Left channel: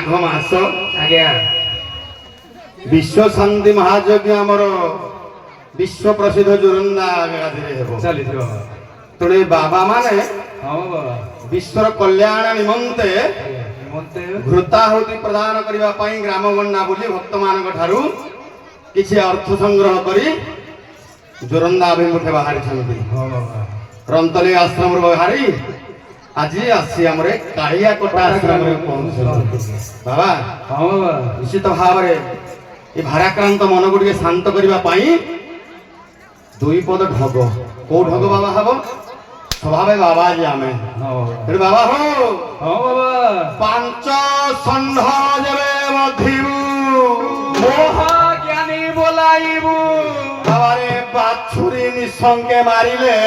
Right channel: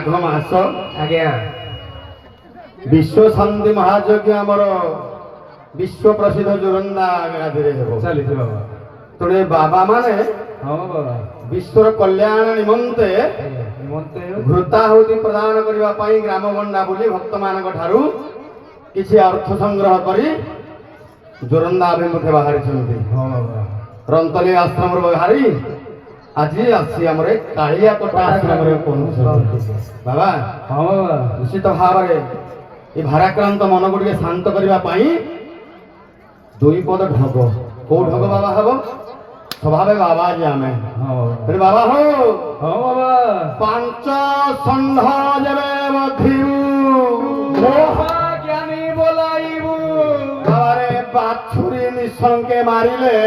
माघ मास आज्ञा विश्व शांति महायज्ञ आमर विश्व प्रसिद्ध जोरंदा गादी चली बाबा तेणु बाबा माने हाँ बाबा विश्वर कल्याण निमंते मते घृताहुति प्रदान करने पाई ग्राम गंडा बोली भक्त मान ठारू किसी अर्थ संग्रह करी जोरंदा अभिमुखे बाहरी हाँ बाबा रंतली आश्रम बाहरी आज आसी आम कालिया कोटा आश्रम बाबा हाँ बाबा निश्चित भाव में भाराक्रांत मन को शांत करने दुई पद ढग कौ ढग बाबा हम स्वभाव बाबा जी आम हाँ बाबा हो हाँ बाबा पांच षंढ जबे मधिबू महाज्ञानी बोलाइबू बाबारे बाछुरी निसंगे मारिले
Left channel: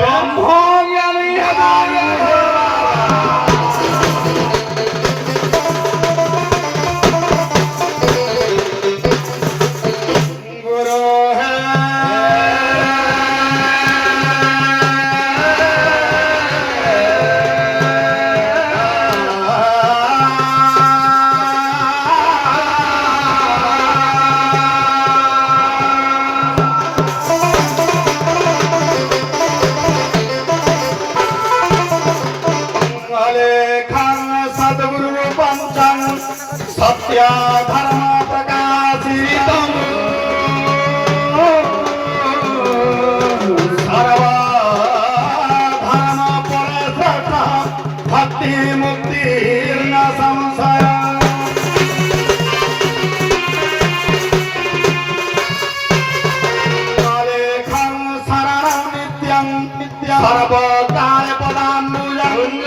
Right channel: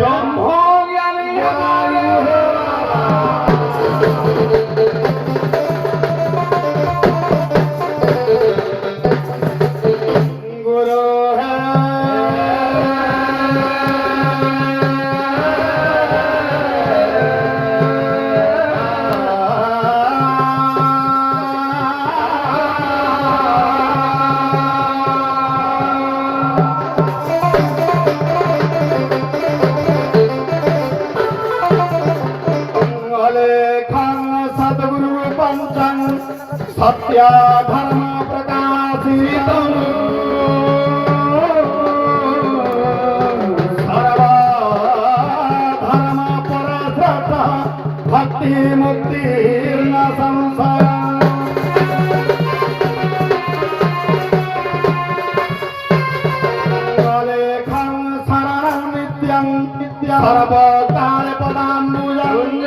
ब्रह्मज्ञानी गुरु सत्य धर्म प्रकाशित सर्व धर्म परश्रेष्ठ भक्ति मुक्ति न संशय लेखं शरणं नित्यं सर्वकाल पदाम्बुजं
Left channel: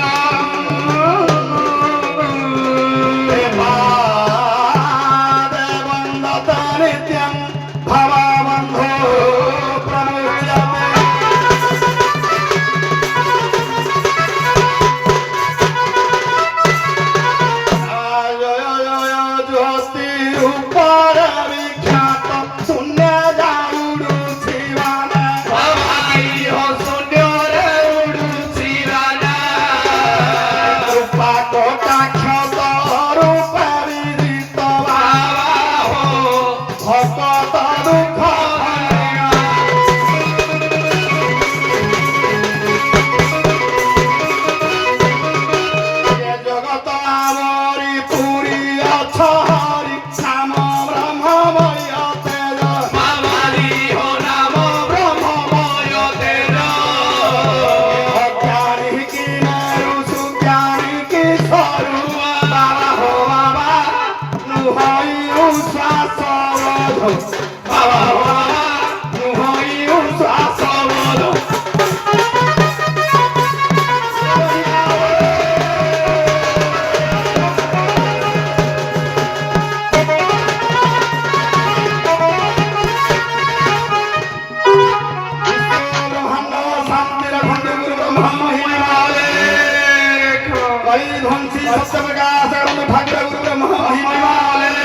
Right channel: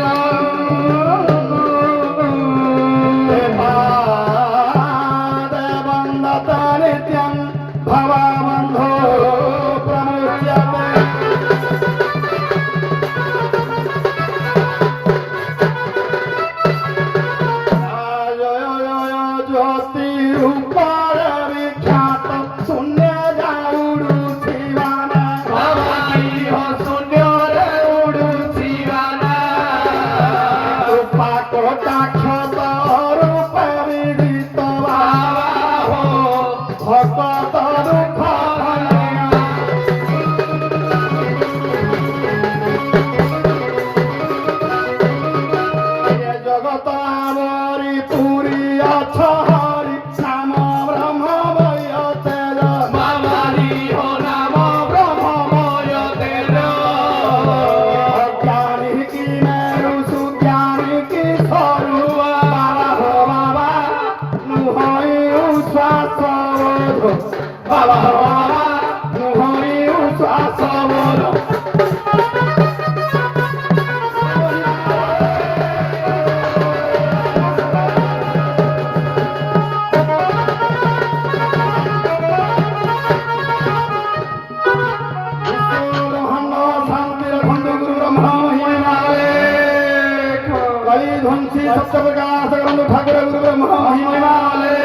ध्वंसी सत्य प्रकाश ठाकुर गुरु ब्रह्मा महिमाले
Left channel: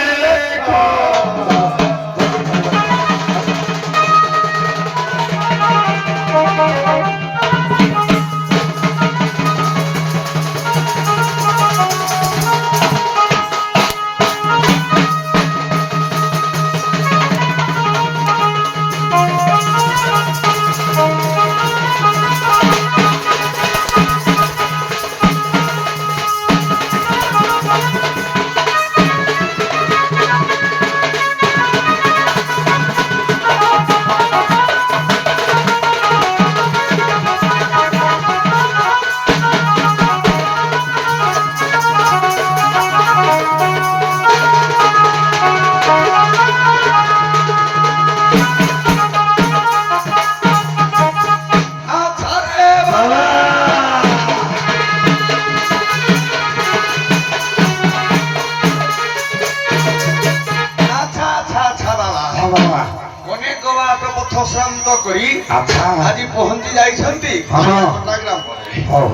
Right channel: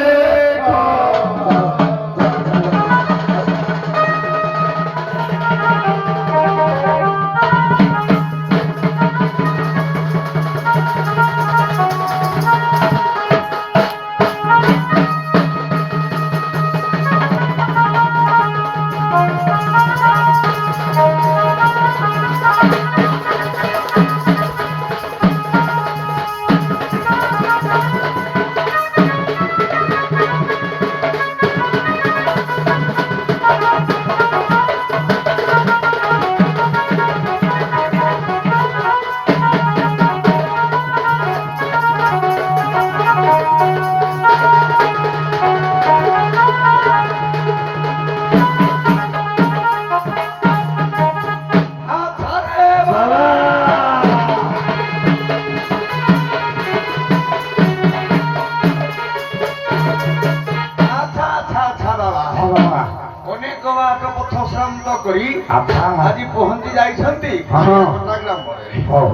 আজি পহঞ্চি যাইছন্তি কটাগ্রাম পরে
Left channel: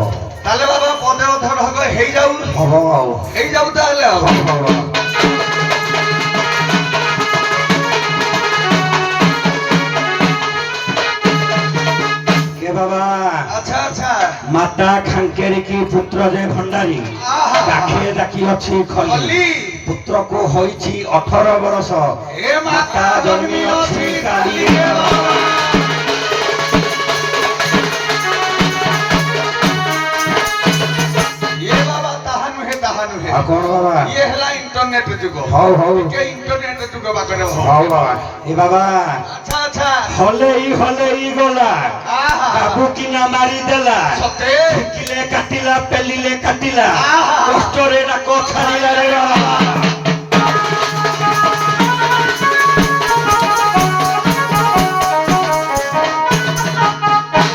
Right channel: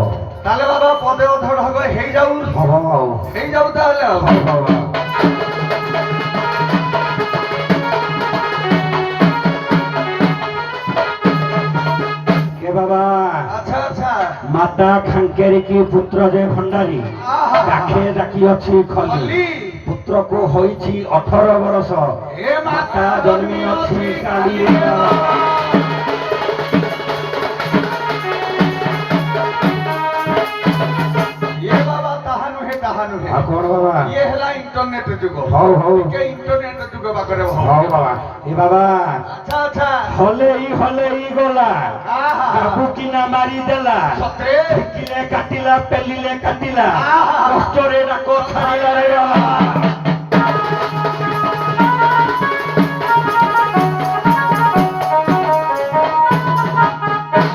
তাহলে বাবা পদে ধর হবে হেই যাও তাহলে কে বাবা আচ্ছা আচ্ছা মাত্র ମାତା ଖାଙ୍କେରି କି ପୁତ୍ର ଯେ ଭଣ୍ଡାରୀ ଡାକେ ଡାକି ଅଛି ଖଲି ଖଲି। ପୁତ୍ରକୁ ହୋଇଛି 18 ବର୍ଷ ଏ ମାତା ଜନ୍ମି ଅଛି କାଲି ଇଏ ବାବା ତାହା ନୁହେଁ ତାହା ନୁହେଁ ଆଉ କଣ ବାବା ଇଏ ହେଲା ଇଣ୍ଟରନେଟ ଯୁଗ ହଉ ହଉ ଟିକେ ଇଣ୍ଟରନେଟ ଯୁଗ ପାଖରେ ହଉ ବାବା ଏ ବାବା ଆଚ୍ଛା ଆଚ୍ଛା ହଲେଇ ଗଲା ଆହା। ବାବୁ କିନା ମାରିଦେଲା ସତେ ଠେକିଲେ କାଟିଲା ପେଲିଲେ କାଟିଲା ଆହା। କଷ୍ଟରେ ଡାକ ଛାଡ଼ିଲା ରେ ବାବା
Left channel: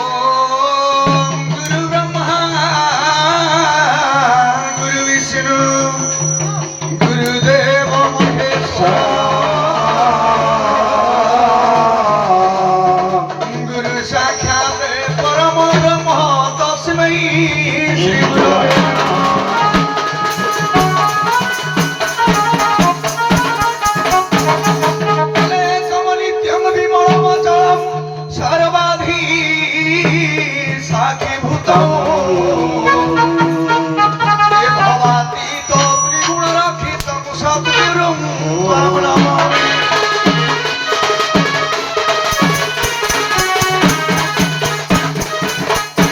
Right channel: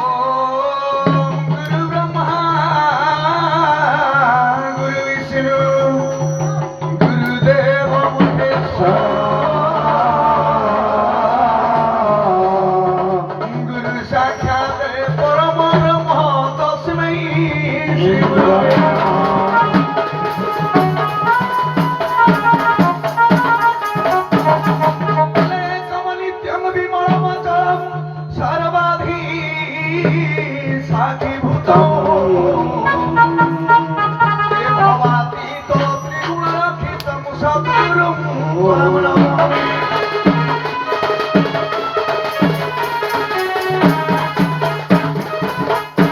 ओम गुरु ब्रह्मा गुरु विष्णु गुरुदेव महेश्वर गुरु साक्षात् परम ब्रह्म तस्मै श्री गुरवे कमलित्यं विमलमचलं सर्वाधि साक्षीभूतं देववातीतं त्रिगुणरक्षितं सद्गुरुं त्वां नमामि।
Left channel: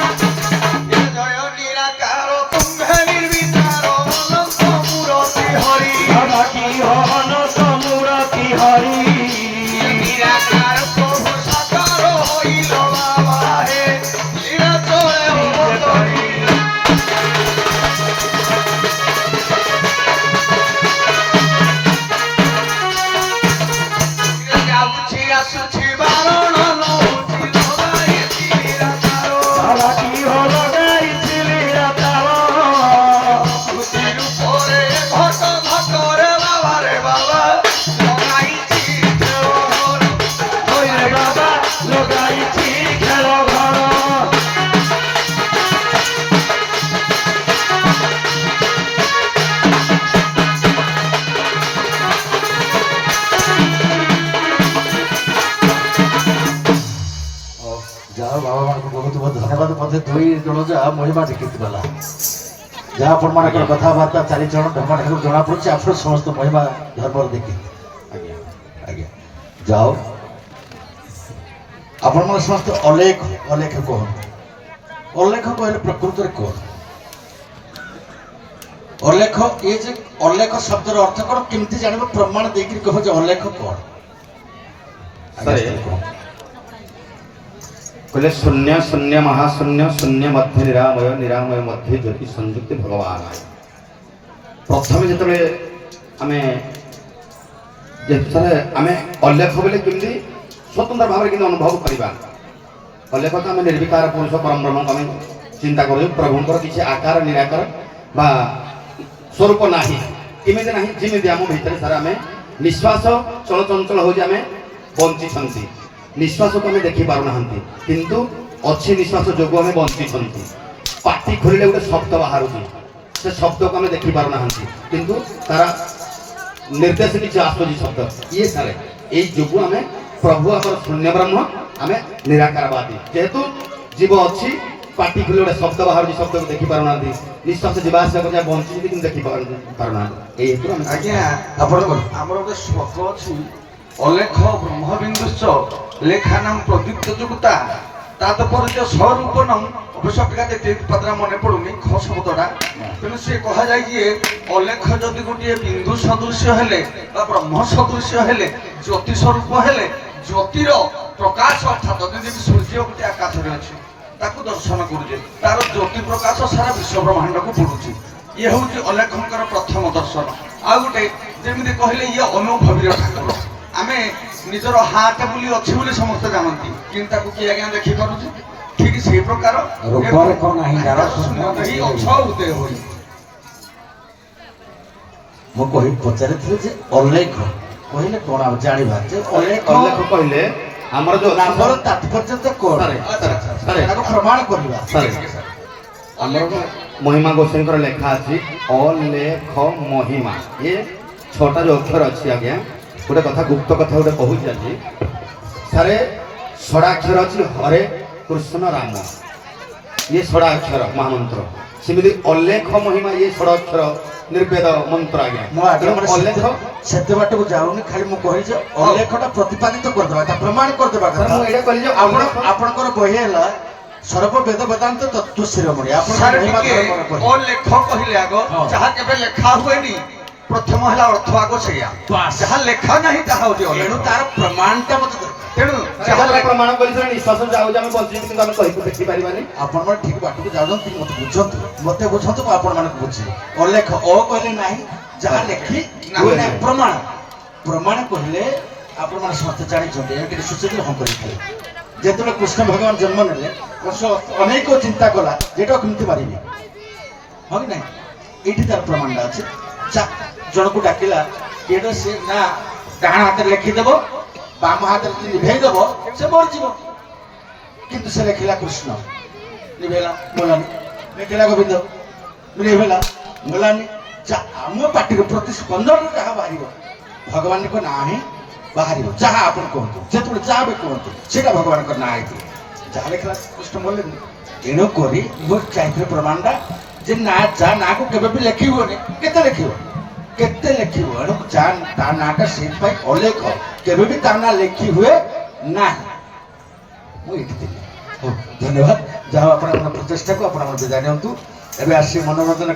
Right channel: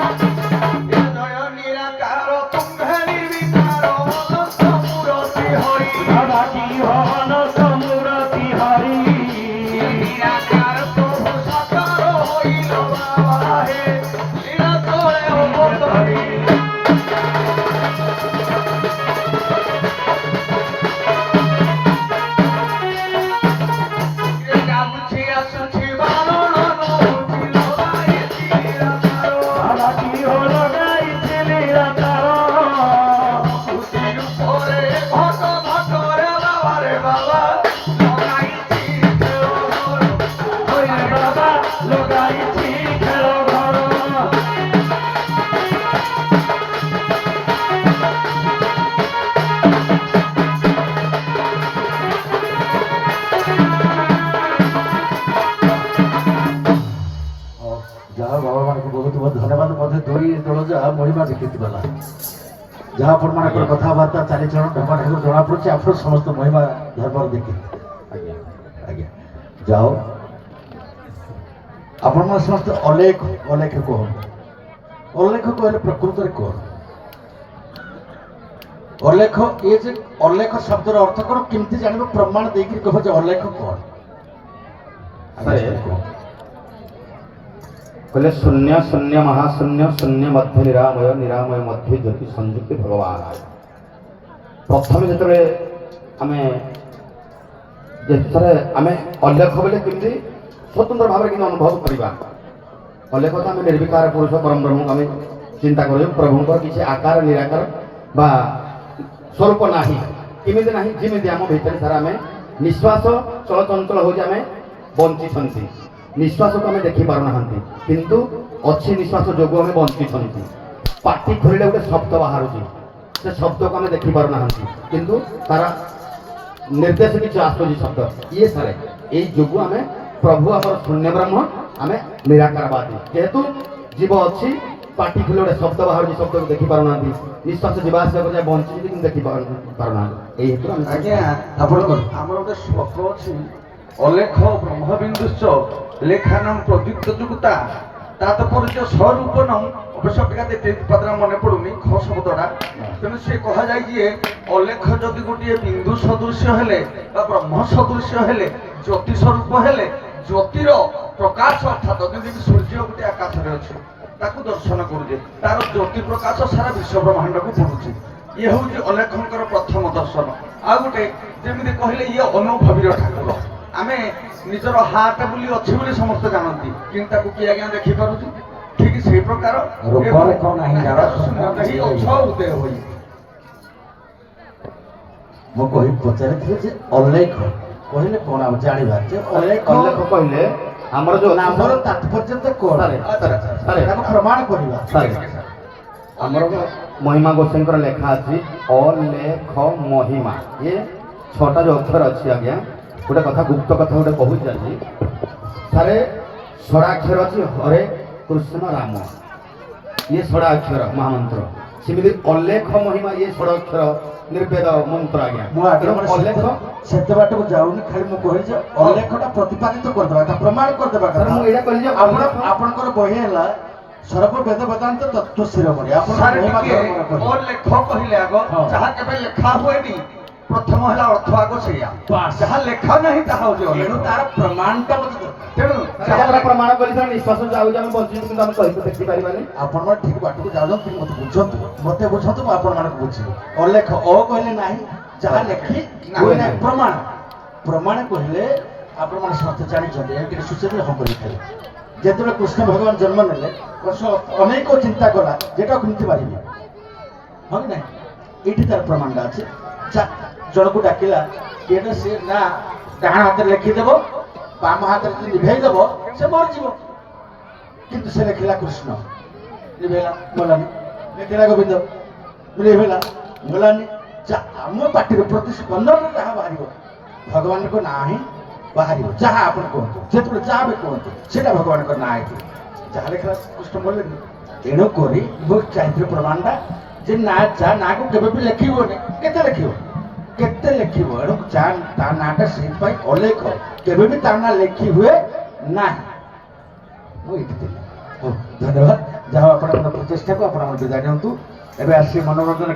जय निराकार तुम्हे निर्विकार अनंत मूर्ति हरि বাবা কি অনন্ত মূরতি হরি নিরাকার প্রভু সাকার হইল বাবা হে লীলা চলে অবতরী যাচ্ছি আসুছি বারণ লউছি লগাইছি নিরাকার বাবা কি হলো গাইছে নিরাকার খুশির উপরে ঘট ঘট রে বাবা লগাইছি জোর ওরে বাবা লগাইছি খেল ঘর ଯାହା ବାବା ମାନଙ୍କୁ ବହୁତ ବହୁତ ଧନ୍ୟବାଦ ମଧ୍ୟ ଦୁଇ ଜଣ ଯାହା ମହିମା ଦେଖିତ ଗଲା ଯାହା ଆପଣମାନଙ୍କର କଥାବାର୍ତ୍ତା ଚାରିଜଣ ଟଙ୍କା ଠାରୁ ଜଣାପଡ଼ୁଛି ଆପଣ ସମସ୍ତ ମହିମା ଧର୍ମର ଦେଖି ଆଜ୍ଞା ଆଜ୍ଞା ଯାଅ ଆପଣମାନେ ସମସ୍ତେ ଅଲେଖ ଅଲେଖ କୁହନ୍ତୁ ଅଲେଖ କହିଲେ ପ୍ରକୃତରେ କଣ ଅଲେଖ ଏ ଯେ ଅଲେଖ ଶବ୍ଦର ଅର୍ଥ କଣ କେମିତି ଜାଣିବ ପ୍ରମାଣ ଦେଇକିରି କହ ଯେ ଅଲେଖ କଣ ଆଜ୍ଞା ସାର୍, କୁହନ୍ତୁ। କହିଲେ ଶୂନ୍ୟ ଶୂନ୍ୟ ମହାଶୂନ୍ୟ ଶୂନ୍ୟ ମଧ୍ୟ ନିରାମୟ ନିରାମୟ ମଧ୍ୟ ଜ୍ୟୋତି ସଂଯୁକ୍ତି ଭଗବାନ ଆଏ। ପ୍ରଥମେ ଯେତେବେଳେ ଆମେ ଅଲେଖ ବୋଲେ କେମିତି ସ୍ୱତନ୍ତ୍ର ଭାବରେ କିନ୍ତୁ ଅନୁଭବ କରିବା ଅଲେଖ ତ ଆମେ ନିର୍ବିକାର ପୁରୁଷ ପରମ ବ୍ରହ୍ମକୁ ଆମେ ଚିନ୍ତା କରୁଛୁ ପ୍ରଭୁଙ୍କର କିଛି ଆକାର ନିରାକାର ବା ସ୍ୱରୂପ ନାହିଁ କେମିତି ନାହିଁ ଯେମିତି ଆମ ଭିତରେ ସାରା ଆମେ ନିଶ୍ୱାସ ଚଳଚଞ୍ଚଳ ହେଉଛି ଆମେ ବଞ୍ଚିଛନ୍ତି ନିଶ୍ୱାସକୁ ଆମେ ଦେଖିପାରୁନାହାନ୍ତି କିନ୍ତୁ ଅଛି ନିଶ୍ୱାସ ଯୋଗୁଁ ଆମେ ବଞ୍ଚିଛନ୍ତି ପାଟି ଖୋଲିଲେ ଗୋଟେ ଶବ୍ଦ ବାହାରୁଛି ସେ ଶବ୍ଦକୁ ଆମେ ଦେଖିପାରୁନାହାନ୍ତି କିନ୍ତୁ ତାର ନିର୍ଦ୍ଦେଶ କିଛି ଆସୁଛି ଶବ୍ଦ ଇଏ ସାରେ ଏଇ ଯୋଗୁଁ ଆମେ ପ୍ରଭୁ ଆମର ଶୂନ୍ୟ ବ୍ରହ୍ମ ଆମେ ନିରାକାରବାଦୀ ଯେହେତୁ ଜୀବ ଅଛି ପାଟି ଖୋଲିଲେ ଗୋଟେ ଶବ୍ଦ ବାହାରୁଛି ଶବ୍ଦକୁ ଦେଖିପାରୁନାହାନ୍ତି ନିଶ୍ୱାସ ଯିବା ଆସିବା କରି ବଞ୍ଚିଛନ୍ତି କିନ୍ତୁ ଦେଖିପାରୁନାହାନ୍ତି ଏଇ ହେତୁ ଆମେ ଆଜ୍ଞା ଆପଣଙ୍କର ଆମର ଗୋଟେ ଶ୍ଲୋକ ଅଛି ଅଲେଖ ବ୍ରହ୍ମବିନ୍ଦୁଶ୍ଚ ଲେଖାନାମ ପ୍ରଦୀପ୍ତ ଯୁକ୍ତା ତାତ୍ପର୍ଯ୍ୟ ସ୍ୱରୂପନମ୍ ଅବଶ୍ୟ ଅପେକ୍ଷା ଦେଖି ପାଦରା ମନେ ପଡୁନି ଖ ଶବ୍ଦଟା ତେଣୁ ସେ କୁହାଯାଇଛି ଯେ ଅଲେଖ ଯଦି ଗୋଟିଏ ବିନ୍ଦୁ ସଦୃଶ୍ୟ ହେଲେ ବା ବ୍ରହ୍ମ ସଦୃଶ୍ୟ ହେଲେ ଜ୍ୟୋତି ସ୍ୱରୂପ ହେଲେ ଜ୍ୟୋତିର ପ୍ରକାଶ ଅର୍ଥାତ ଯେମିତି ସୂର୍ଯ୍ୟ ଗୋଟେ ଆକାଶରେ ଅଛି ତାକୁ ଦର୍ଶନ କରୁଛେ ତାର ଜ୍ୟୋତି ପ୍ରକାଶ ସାରା ବିଶ୍ୱ ବ୍ରହ୍ମାଣ୍ଡକୁ ପଡୁଛି ଇଏ ହେଉଛି ଅଲେଖଙ୍କର ପ୍ରଥମ ଦର୍ଶନ ଆଉ ଗୋଟେ ଯେମିତି କହିଲେ ଇଏ ଅନୁଭବୀର ଠାକୁର ଆମେ ନିଜର ହାତ ବୋଲି ଅଛି ବୋଲି ସମସ୍ତେ ଜାଣନ୍ତି କିନ୍ତୁ ତାକୁ କିଏ ଆଜ୍ଞା ଦେଖିପାରୁଛି ଠିକ ସେଇ ପ୍ରକାର ରୂପରେ କଣ ନାହିଁ ଏହି ଅଛ ଉଦୟ ହୋଇ ମୁଁ ପଚାରିଥିଲି ଯେ ଅଲେଖ କହିଲେ କଣ ଆମେ ଜାଣିବା ଯେ ଅଲେଖ ଅଲେଖ କହିଲେ ଆମର ଯୋଉ ନାମର ତାତ୍ପର୍ଯ୍ୟ କଣ ତାକୁ ପ୍ରମାଣ କରିବା ଆମର ମହିମା ଗୋସାଇଙ୍କର ଲେଖା ଅଛି ଅଲେଖ ମହିମା ଏ ଛଅଟା ଯୋଉ ଅକ୍ଷର ଅଛି ଆଜ୍ଞା ଗୋଟେ କଥା ଗୁପ୍ତ କଥା ଗୋଟେ କହୁଛି ଆଜି ସାରେ ଷଡ଼ାକ୍ଷର ଅଛି ହରେ କୃଷ୍ଣ ରାମ ଇଏ ଷଡ଼ା ଅକ୍ଷର ମହାମନ୍ତ୍ର ସେମିତି ଅଲେଖ ମହିମା ଇଏ ଷଡ଼ା ଅକ୍ଷର ନିର୍ବେଦ ମନ୍ତ୍ର ଆଜ୍ଞା ମୁଁ ତେଣୁ ଆଗରେ ଅଲେଖ ସେତେ ବାଟକୁ ଯାଉନି ଖାଲି ମୁଁ କହିଛି ଅଲେଖଟା ପ୍ରତିପାଦିତ କରିଦେବା କଥା ପ୍ରମାଣ କରିଦେବା ସାର୍ କଥା ମୁଁ ଏଇଟା କହିଲି ଯେ ଆପଣ ଅଲେଖ ଆପଣଙ୍କର ବହି ହେଲା ସର୍ବ ବେଦ ବେଦାନ୍ତ ତତ୍ତ୍ୱ ଶିରୋମଣି ଆପଣ ସାର୍ ମହିମା ଟିକେ ଧର୍ମର କହିଲେ ଅଲେଖ କହିଲେ ଆଗ ହଁ। ଯାହା କେବେ ଲେଖା ହୁଏନି ପ୍ରଥମ ହେଲା ଅର୍ଥ ଆଗ ସେଇଆ ବାସ୍। ଯାହା ଲେଖା ନାହିଁ ତାହା ହଉଛି ତେଣୁ ଅଲେଖ ତାର ପ୍ରମାଣଟା ମତେ ଦରକାର। ତେଣୁ ଯାହା ଯାହା ପ୍ରମାଣ କରି ସାର୍ ନିଶ୍ୱାସ ଯାଉଛି ଆମେ ବଞ୍ଚିଛୁ କିନ୍ତୁ ଆମେ କହିକୁ ଦେଖିପାରିବାନି ଆପଣମାନେ ଠିକ ବାଟକୁ ଯାଉଛନ୍ତି ମତେ ବୁଝନ୍ତୁ ମୁଁ ଆପଣମାନଙ୍କୁ ବୁଝିବି ଅଲେଖ ଅ କହିଲେ ନାହିଁ ଯାହା ଲେଖି ହୁଏ ନାହିଁ ପ୍ରମାଣ ପ୍ରମାଣ କହିଲେ ଆପଣମାନେ ସମସ୍ତେ ଜାଣିଛନ୍ତି ଏମିତି ସୁଚେତ ହଁ କରିଥିଲେ ଯେତେବେଳେ କୃଷ୍ଣ ଭଗବାନ ଜନ୍ମ ନେଲେ କୃଷ୍ଣ ଅନେକ ଚିନ୍ତା କଲା ଯେଟା କେମିତି ପାରିବି ହଁ କି ନାହିଁ ଏଇଠି ତାର ପ୍ରମାଣଟା ଅଛି ଜଣକୁ ଡାକିଲା କିଏଟା ସେ ନା ଡାହାଣ ହାତରେ ଲେଖିଦେବ ବାମ ହାତରେ ଯଦି ନିଭେଇ ଦେବ ସେ ମରିଯିବ କିନ୍ତୁ ସେ ଲେଖିଲା କୃଷ୍ଣ ନିଭେଇଲା ଗଲାନି ଲେଖିଲା ଗୋବିନ୍ଦ ନିଭେଇଲା ଗଲାନି ଆମ ପାଟିରୁ ପ୍ରତି ସ୍ପନ୍ଦନରେ ଯାହା ବାହାରିବ ଭଗବାନଙ୍କ ନାଁ ହିଁ ବାହାରିବ ଯାହା ଆପଣ କୁହନ୍ତୁ ଯେତେବେଳେ ଯାହା ବି କୁହନ୍ତୁ ସେଇଟା ଭଗବାନଙ୍କ ନାଁ ହେଇଥିବ ଯାହା ଲେଖିଲା କୃଷ୍ଣ ବୋଲେନି ଏଣୁ କରି ମୁଁ ଚାହିଁଥିଲି ପ୍ରମାଣଟା ଯେ ନା ଯାହା ନାଁକୁ କେବେ ବି ଲେଖିବନି କେତେ ଲେଖିବ ଏଣୁ ତା ନାଁଟା ସେଇଥିପାଇଁ ଅଲେଖ କେବେ ବି ତା ନାଁ ଲେଖି ହୁଏ ନାହିଁ ମୁଁ ଏଇଠି ଥିଲି ହଉ ଧନ୍ୟବାଦ ଯାହା ଆପଣ ଆମର ପ୍ରଚେଷ୍ଟାକୁ ଆପଣ ବିଦାୟ ନିଅନ୍ତୁ ଏବେ ଆସି ମନୋରଞ୍ଜନ